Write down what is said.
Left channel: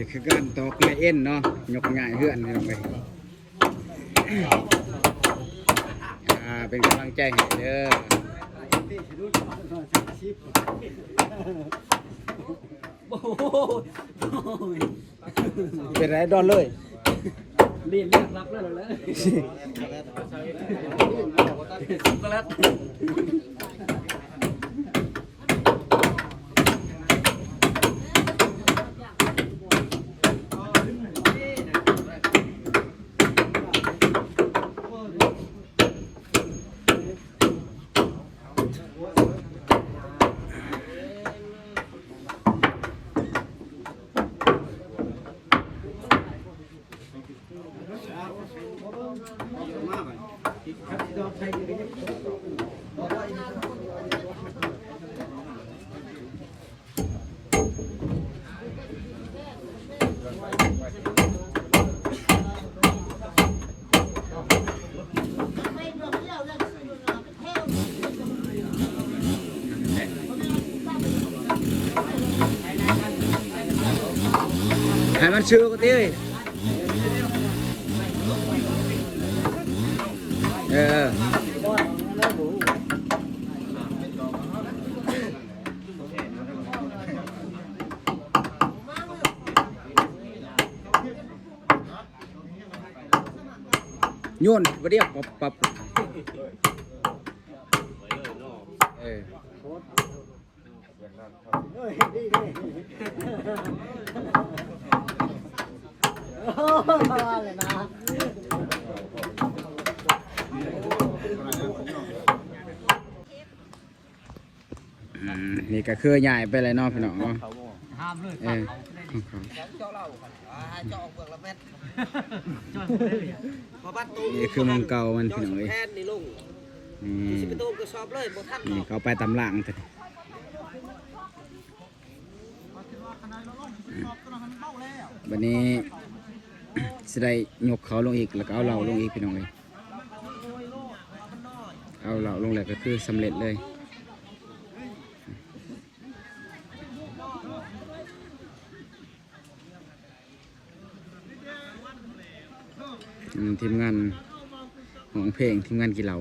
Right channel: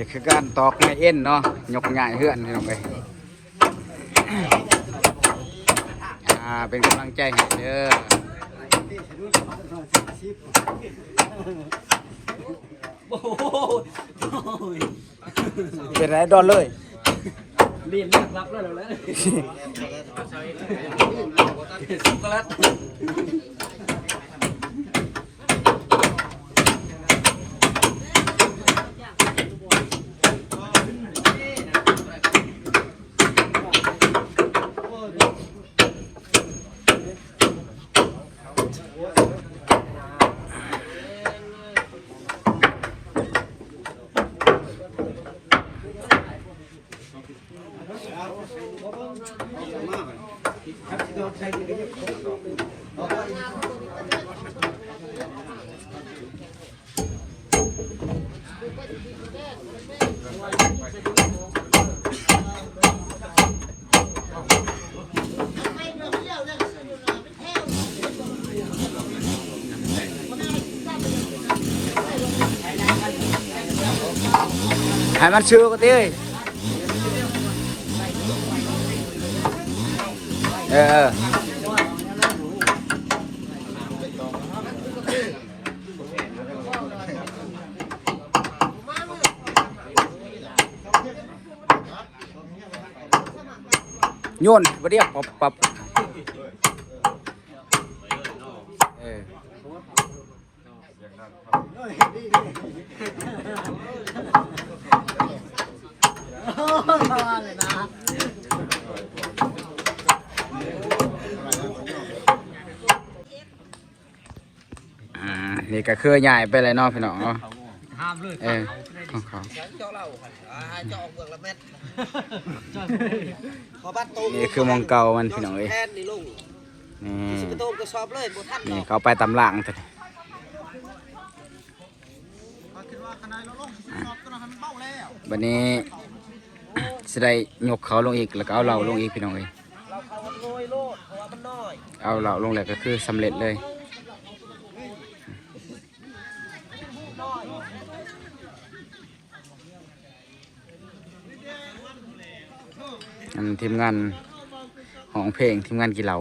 นี่คือการตอกในเอ็นเนาะยกง่ายเฮือนลงไปเป็นกำลังใจให้เด้อเป็นไรดอนเลยเรียนเรื่องรับแล้วเลยสุกลัดให้มันชื่อก็ตีโยนบ่เดียวปับนี่ก็คือใหญ่ไปเลยเนาะพี่น้องเนาะห้ามเลยของเขานี่คือมองเก่ามันพี่น้องเลยนี่เขาไปตำล่างแต่วันนี้จะได้ยกเขาลงอีกแล้วก็เอาเราลงอีกพี่น้องเลยเอาเราลงเลยก็คือสำเร็จเลยทีมงานของเพลงทีมงานกีฬา